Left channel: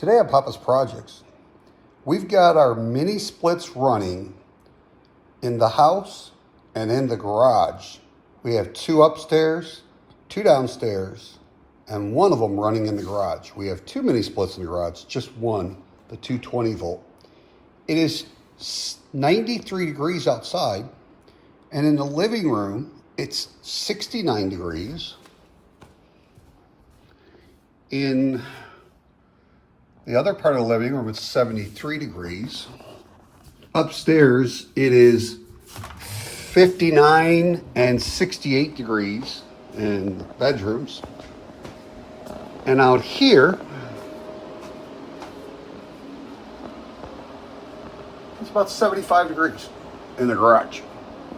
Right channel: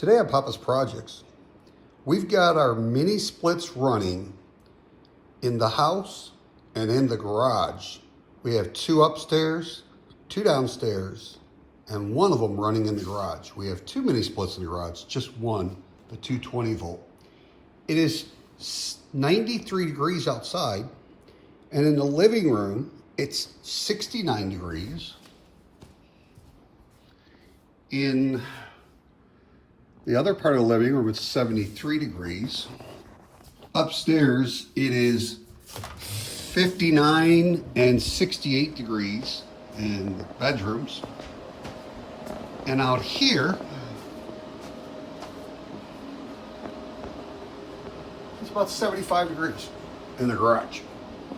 Today on Papa's Projects, we've got our mini splits running in the house and in the garage. We have two upstairs, two downstairs, and one of them running in the garage. We have two mini splits in the garage, just one, the 220 volt. It is 93 degrees outside, and in the living room, it's 69 degrees. In the other part of the living room, it's 73 degrees. Upstairs, it is 59 and 68 degrees in bedrooms. And out here, it's about 75 degrees in the garage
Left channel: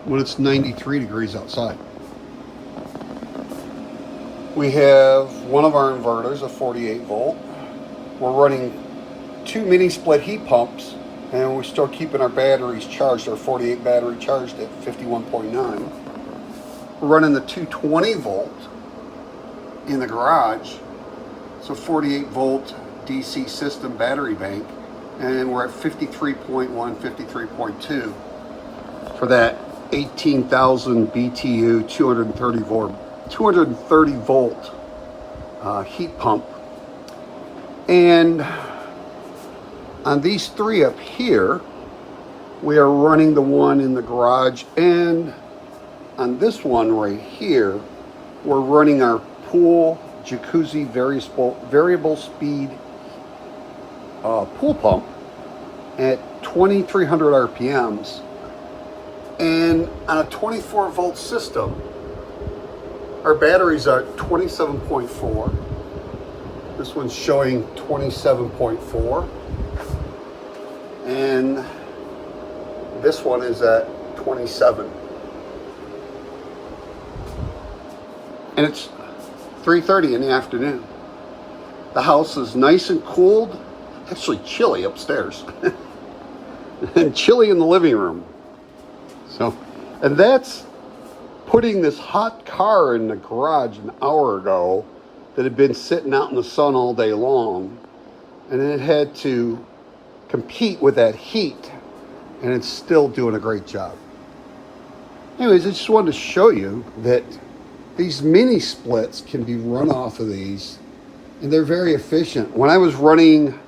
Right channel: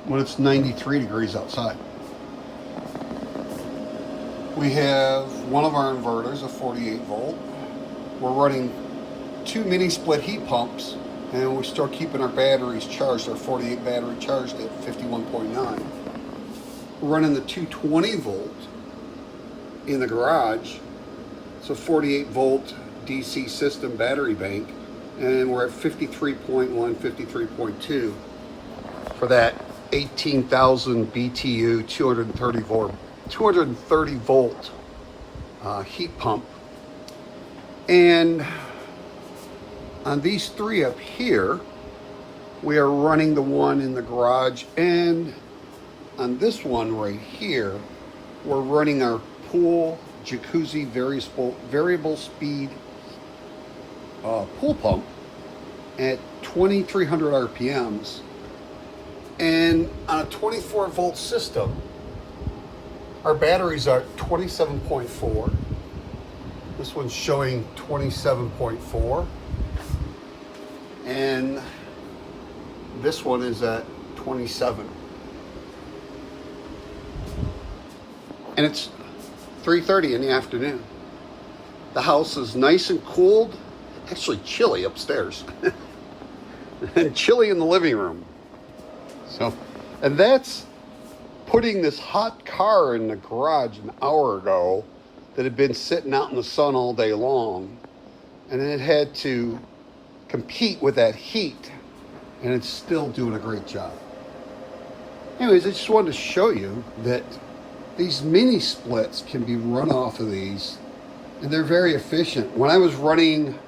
when it's 93 degrees outside. We have one of our inverters, a 48 volt. We're running two mini split heat pumps, and we're still keeping our batteries charged, our 48 battery charged at 51.9. We're running the 220 volt in the garage. It's a 48 volt DC system battery bank, and we're at 53.1, 53.2 for that 18,000 BTU 230 volt heat pump. And on these three up here, we are running the one in the garage, and on this one right here, we're running our pool jacuzzi variable speed pool pump at 2,300 RPMs. And on a 24 volt system, our batteries are 27.4. This one's showing 27.4. And this one is at 27. And it's 3:30 in the afternoon. The house is nice and cooled, actually chilly upstairs, and chilly in the living room. So, and that's putting this hot car in the garage an hour ago that had been sitting out in the sun all day long, and it had to compete with that heat, and it's still doing a great job. Anyways, I just wanted to show you that these mini splits can be run off of these, and they're very efficient. When I was running,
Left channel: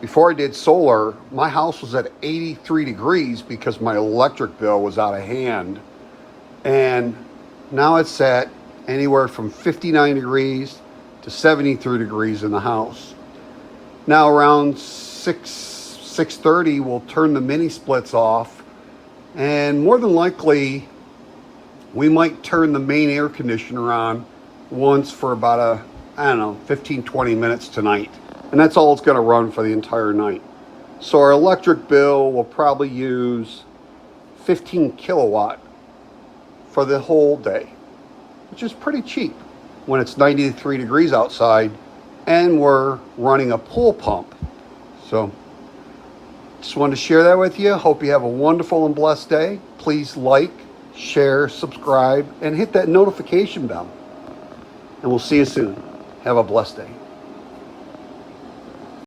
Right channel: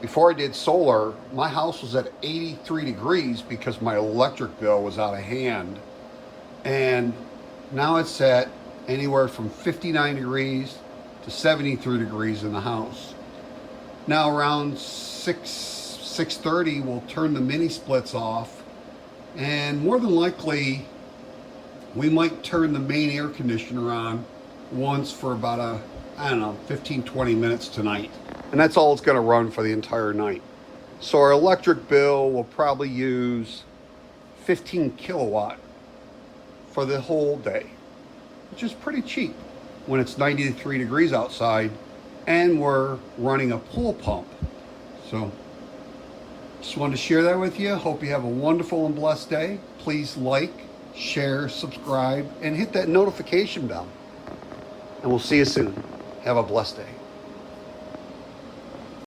before I did solar, my house was at 83 degrees because my electric bill was out of hand. And now it's at anywhere from 59 degrees to 73 degrees in the house. Now around 6:30, we'll turn the mini splits off, and more than likely, we might turn the main air conditioner on once for about 15, 20 minutes tonight. And that's all it's gonna run for the entire night. So our electric bill will probably use 15 kilowatt for the whole day, which is pretty cheap when it's 93 degrees outside and we're running a pool pump. So just wanted to share that with you. Hope you have a wonderful and blessed day. Please like, share, subscribe, and hit that notification bell. And we'll see you soon. Have a blessed day.